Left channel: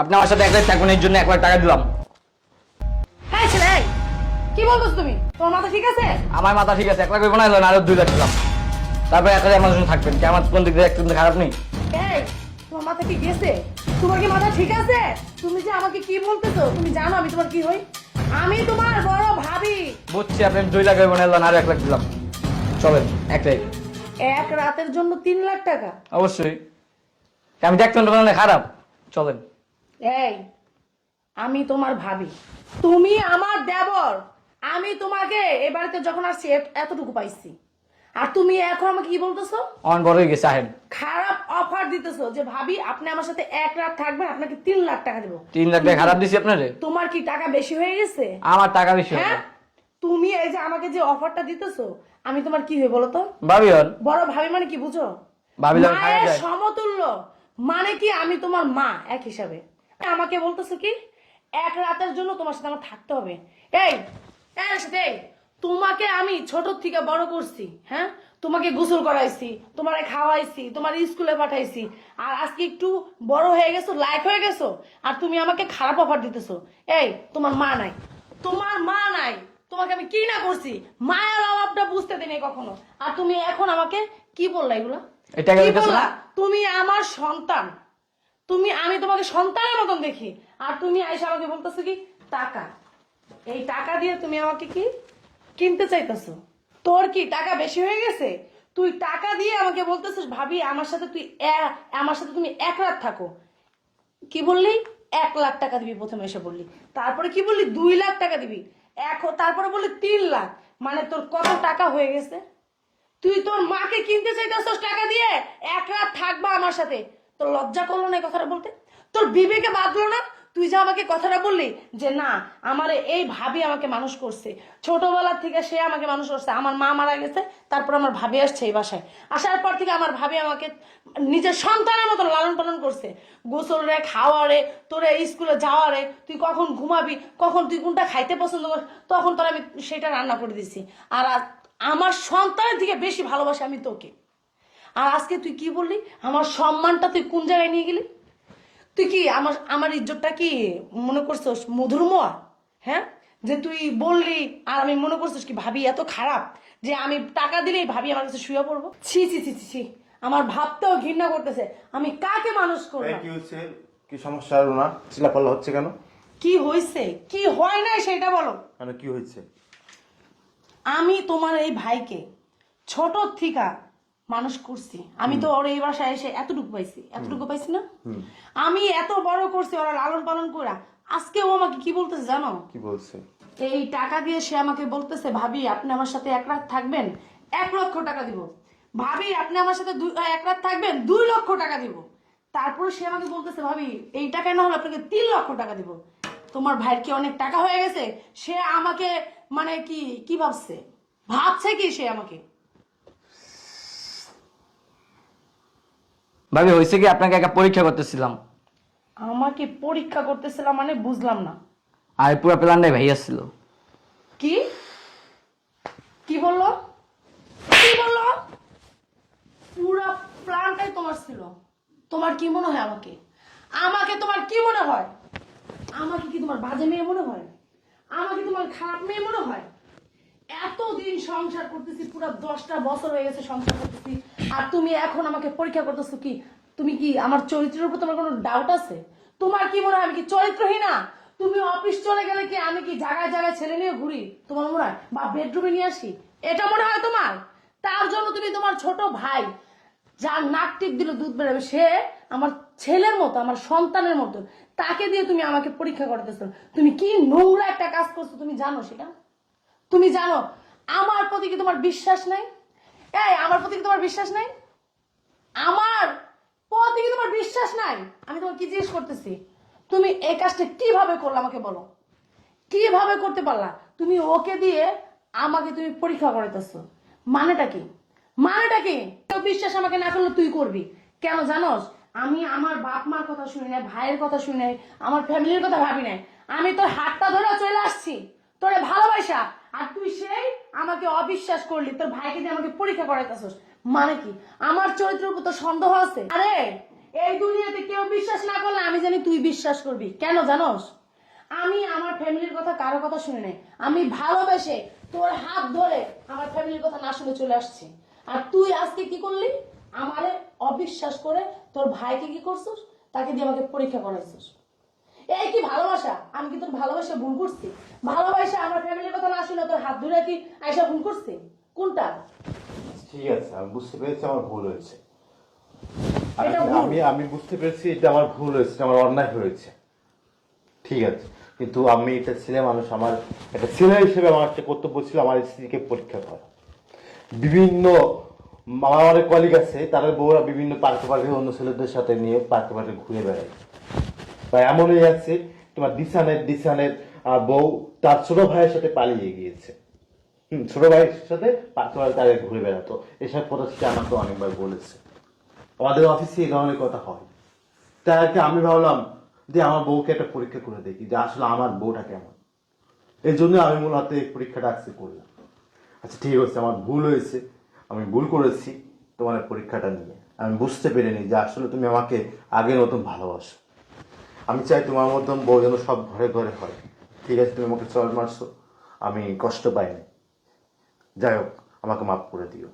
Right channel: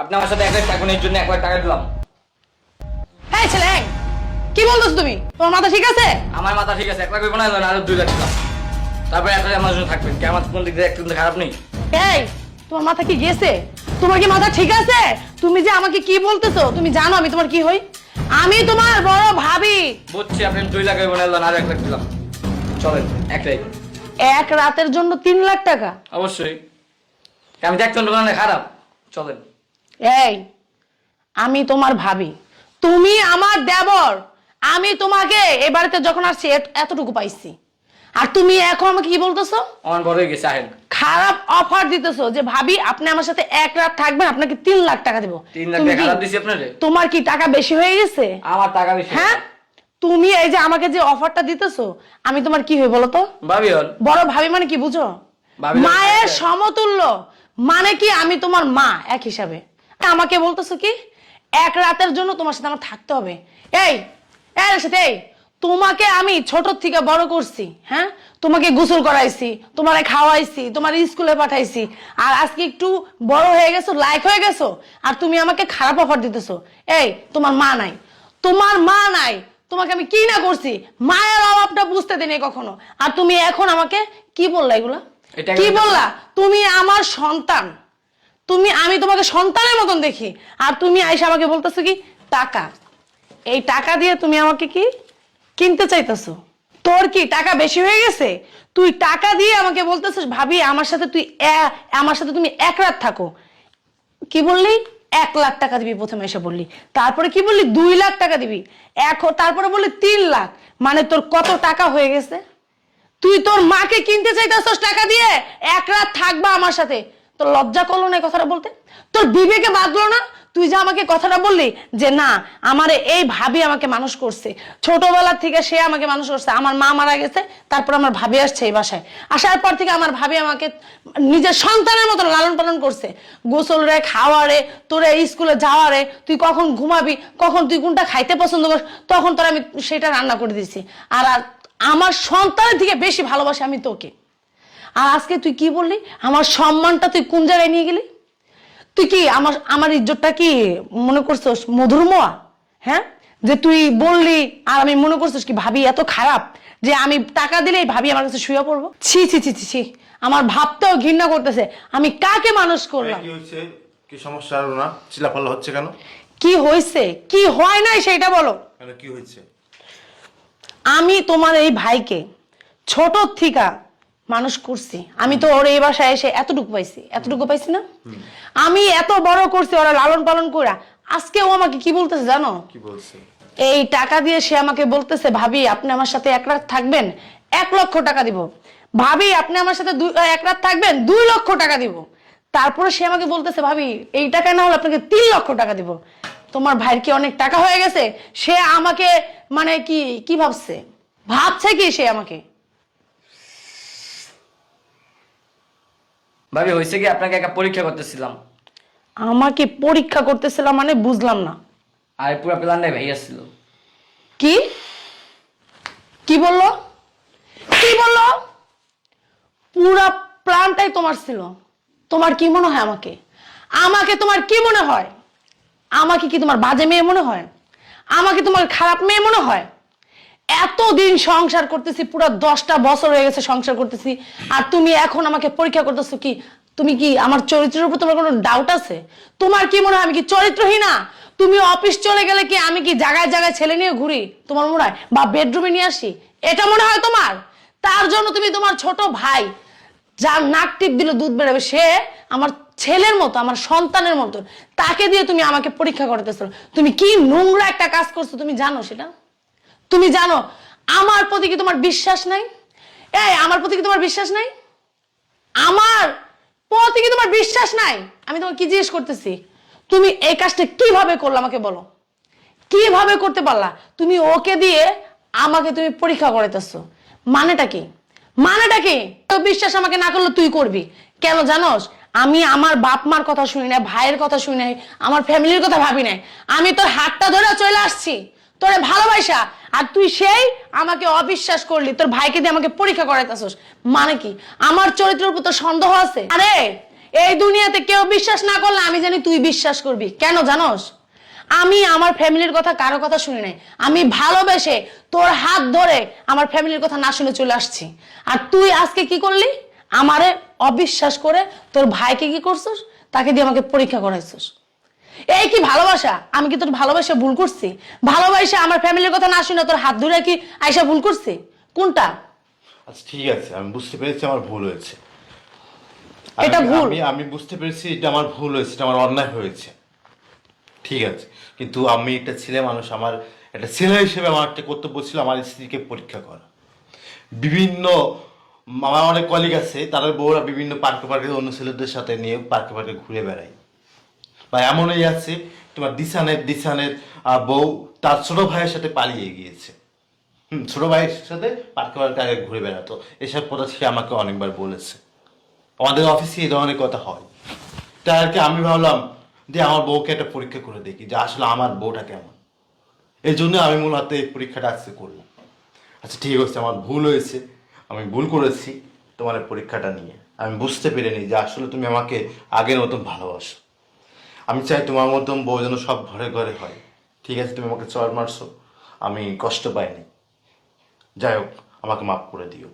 আপনি আমার সাথে একটা থাকুন, এর জন্য 1 লাখ টাকা দিলাম। হ্যাঁ ছেলে, কি বলতেছ তুমি? তোমার মাথা ঠিক আছে? আমার মাথা ঠিক আছে, 1 লাখ হইব না, আরো 2 লাখ দিলাম। তারপরে একটা আমার জন্য থাকবেন কি? আমার কোন দিক দিয়ে একটু খারাপ নেই। এই, তোমার মাথা কি গেছে? তোমার কি মাথা ঠিক আছে? তুমি যে আমাকে কি বলতেছো, তুমি জানো আমি তোমার কি হই? আমি তোমার বড় ভাবি। বুঝছি, আপনি 2 লাখ হইব না, আরো 1 লাখ দিলাম। চলেন একটাই। এক রাতের জন্য 3 লাখ টাকা? অবশ্যই। আমি দেখতেন দোকানে খারাপ। চলেন। এই, আমি তোমার ভাবি, তুমি আমার দেবর। আমি তোমাকে এই বাড়িতে যখন আসছি এতটুকু পাইছি, আর তুমি এখন আমাকে কি বলতেছো? অন বড় হয়ে গেছে, আহেন। খারাপ অফার দিতেছো যে ভাবি আপনি আমার সাথে 1 রাত থাকবেন, আপনাকে 3 লাখ টাকা দেবো। 3 লাখ তুমি টাকা কি- খারাপ দিছি আপনারে? তোমার কি টাকা বেশি হয়ে গেছে? আমার টাকা বেশি। হ্যাঁ, তুমি এই যে আমাকে যে অফারটা দিতেছো, আমি তোমার কি হই বলো তো? ভাবি হন। বড় ভাবি মানে কি বুঝো? ভাবি না, মায়ের ভাবি না। সমতুল্য। মানে কি আমি তোমার মা এক হিসাবে। আমাকে বলতেছো কি 1 রাতের জন্য তোমার সাথে আমার থাকতে হবে? এই এর সাথে এই, তোমাকে আমি ছোট থেকে বড় করছি, হ্যাঁ, তোমাকে গোসল করাইছি, তোমারে খাওয়াইছি, তোমার স্কুলে পাঠাইছি, আর আজকে একটু বড় হয়ে গেছো, লায়ক হয়ে গেছো, আর তুমি আমাকে খারাপ অফার দিতেছো। এই, তোমার মা নাই, তোমার মা নাই, তোমাকে আমি কি না করছি, মায়ের অভাবটা বুঝতে দিনে কখনো, আর তুমি এখন আমাকে কি বললা এগুলা? এটা কি একটা বললা? তুমি আমার সন্তান, আমি তোমাকে সন্তানের মতন দেখি, আর তুমি আইসা আমাকে বলতেছো কি টাকা? এই টাকা দিয়ে তুমি আমাকে কি কিনতে চাইতেছো? তোর কি টাকা বেশি হয়ে গেছে? তুই টাকা দিয়ে আমাকে বলতেছিস ভাবি আমার সাথে আমার সাথে তুমি 1 রাত থাকো। কি বললি? 1 লাখ টাকা দিবি প্রথমে এসে বললি, তারপরে কি বললি 2 লাখ টাকা দিবি, এখন তারপরে বললি 3 লাখ। মানে তোর কত টাকা হয়ে গেছে? তুই তোর মাকে কিনতে চাইতেছস টাকা দিয়ে 1 রাত থাকবা আমার সাথে। তোর লজ্জা করলো না এই কথাটা বলতে? তোর বিবেকে বাঁধলো না? তুই যে আমাকে কথাটা বললি যে না, আমারে এই ভাবি আমাকে মানুষ করছে, ছোটবেলা থেকে সে আমাকে মানুষ করছে, আমার মা মারা গেছে, তারপর আমার ভাবি আসছে এই বাসায়, আসার পর থেকে আমার ভাবি আমাকে নিজের সন্তানের মতো লালন পালন করছে, গোসল রে, খাওয়া রে, তোরে স্কুলে যাওয়া রে, তুই কখন ঘুমাবি, কখন তুই কোনটা খাইতে পছন্দ করিস, তখন তোর আমি সেটা রান্না করে দিছি। আর আমার সন্তানের থেকে বেশি ভালোবাসি আমি তোকে। আর আজকে তুই কি বললি? আমার সম্মানটা তুই কোন জায়গায় নিয়ে গেলি? তুই কি আমার আমার ইজ্জতটা কি মনে করছিস মধুর মোয়া? হ্যাঁ, যে তুই বললি আর আমি মনে করছিস কি ভাবি এত খারাপ যে আমি টাকা দিলেই ভাবি আমার কাছে শুয়ে পড়বো? ছি ছি ছি ছি ছি, আমার ভাবতেও ঘৃণা করতেছে। আমি কাকে মানুষ করলাম? কি হয়েছে? কি সমস্যা হলো না? চিল্লাপাল্লা হচ্ছে কেন? কি হয়েছে কি হয় নাই সেটা বলো। মানে কি হয়েছে? আমি তোমার এই ভাইকে ছোট থিকা মানুষ করছি, আমি তো ওর এই বাসায় এসে এতটুকু পাইছি না? আমি এত বড় করছি ওরা লালন পালন করা। আজকে ও আমাকে কি বলতেছে জানো? কি বলছে? এই টাকা দিয়ে সে আমাকে বলতেছে ভাবি আপনি আমার সাথে 1 রাত থাকবেন, 1 লক্ষ টাকা দিব। ভাবি আপনি আমার সাথে 1 রাত থাকবেন, 2 লক্ষ টাকা দিব। তারপরে সে আমাকে বলতেছে ভাবি এই টাকা না হলে আপনাকে 3 লক্ষ টাকা দিব। তোমার ভাইয়ের কি অনেক টাকা হয়ে গেছে? সে আমাকে মানে কি কি ভাবছে কি সে আমাকে? ভাবি হয়েছে কি, আপনাকে একটা পরীক্ষা করতেছিলাম। আমাকে পরীক্ষা করতেছিলাম মানে বুঝলাম না। আর পুরো প্ল্যানটাই ভাই আসছিল। কি কি বললো? কি বললো? পুরা প্ল্যানটাই তোমার ছিল? তোমার কি মনে হয় আমাকে? আমাকে তোমার কি মনে হয়? আমাকে কি তোমার বাজে মেয়ে মনে হয়? আমাকে তোমার খারাপ মেয়ে মনে হয়? এতদিন সংসার করতেছি, পুরো 10টা বছর হয়ে গেছে সংসার করতেছি, আর তুমি এখন আমাকে পরীক্ষা করতেছো কি? তুমি কি আমার চরিত্রের উপর তোমার কোনো ডাউট আছে? তোমার কি মনে হয় আমি কি চরিত্রহীনা? তুমি অফিস চলে গেলে কি আমি কি জায়গায় জায়গায় ছেলে নিয়ে ঘুরি তোমার মনে হয়, বা বেডরুমে নিয়ে আসি, এটা মনে হয় তোমার? তার জন্য তুমি তোমার ছোট ভাই যার নাক টিপ দিলে দুধ বেরোবে, সে আমার ছেলের মতো, আমার সন্তানের মতো, তাকে দিয়ে তুমি আমাকে পরীক্ষা করতেছো। তুমি কি নোংরা একটা কাজ করছো তুমি জানো সেটা? তুমি জানো আমার প্রতি কি তোমার বিশ্বাস নাই? এই আমার প্রতি কি তোমার বিশ্বাস নাই? আমার প্রতি কি তোমার বিশ্বাস নাই? আমি তোমাকে কি জিজ্ঞেস করতেছি, তুমি এই কাজটা কিভাবে করলে আমাকে বলো? কিভাবে করতে পারলা? তুমি ওকে দিয়ে আমাকে তুমি পরীক্ষা করাইতেছো, মানেটা কি? মানেটা কি? বিশ্বাস আমাকে না করলে তুই করবি কেন জানোস? আমি আমার বাপ মার কথা শুনি নাই, ভাইয়ের কথা শুনি নাই, আমার ফ্যামিলির কথা ভাবি নাই। আমি তোর হাতটা ধরে চলে আসছি তোরে ভালোবাসা, আর তুই সেই আমাকে অবিশ্বাস করলি, তোর ভাইকে দিয়ে আমাকে পরীক্ষা করাইতেছস। মানে কি? আমার চরিত্রের উপর তোর সন্দেহ আছে? আরে এই দুনিয়াতে কেউ বিশ্বাস না করলে আমি জানি তুই বিশ্বাস করবি। কেন জানোস? আমি আমার ফ্যামিলির কথা কারো কথা শুনি নাই। আমি ভালোবেসে তোর হাত ধরে আমার ফ্যামিলির কথা না শুনে চলে আসছি। আর তুই আজকে কি করলি? আমারে অবিশ্বাস করে তোর ভাইকে কি করছিস? তাকে দিয়ে আমাকে পরীক্ষা করাইছিস। এই কি ভালোবাসা? আমি কি তোর ভালোবাসা ভুল করছি? ভালোবাসা আমার ফ্যামিলির কথা না শুনে তোর হাত ধরে কি আয়সা ভুল করছি? কোনটা? আচ্ছা, ঠিক আছে, আমি বুঝতে পেরেছি আমার ভুল হয়েছে। এটা ভুল? আমি বুঝতে পেরেছি এটা আমার ভুল হয়েছে, এটা আমার অন্যায় হয়েছে। ঠিক আছে, কিন্তু আমি একটা ছেলে মানুষ, আমার একটা ছেলে হিসেবে আমার একটা কর্তব্য ছিল আমার স্ত্রীকে পরীক্ষা করা। বিভিন্ন আমার অনেক কলিগ আছে, তারা বউরা বিভিন্ন পার্কে পার্কে অন্য ছেলেদের সাথে নিয়ে পার্কে পার্কে ঘুরে বেড়ায়। বা এমনই আছে, তোমার দিশানের বউ তার ছোট ভাইয়ের সাথে পালিয়ে গিয়েছে। ছোট ভাইয়ের সাথে পার্কে পার্কে আগে ঘুরে বেড়াতো। এসব কথা সে আমাকে অনেকবার বলেছে। আমাদের অফিসে এই ধরনের কথা হয়। তাই আর কি আমি ভাবলাম যে আমার বউকে একটা পরীক্ষা করে দেখি যে আসলে আমার বউটা কেমন। এই জন্য আমি মূলত এই পরীক্ষাটা আজকে করলাম। আচ্ছা ঠিক আছে, আমার ভুল হয়েছে, আমি ভুল করেছি তোমার এই পরীক্ষাটা নিয়ে। আমি বুঝতে পেরেছি যে আসলে তুমি আমাকে আগের মতন ভালোবাসো। আমি চাই তোমার মতন বউ যেন সব ঘরে ঘরে হয়। ঠিক আছে, তুমি আমাকে চড় মারছো, আমি কষ্ট পাইনি। যাই হোক, আমাকে মাফ করে দিও।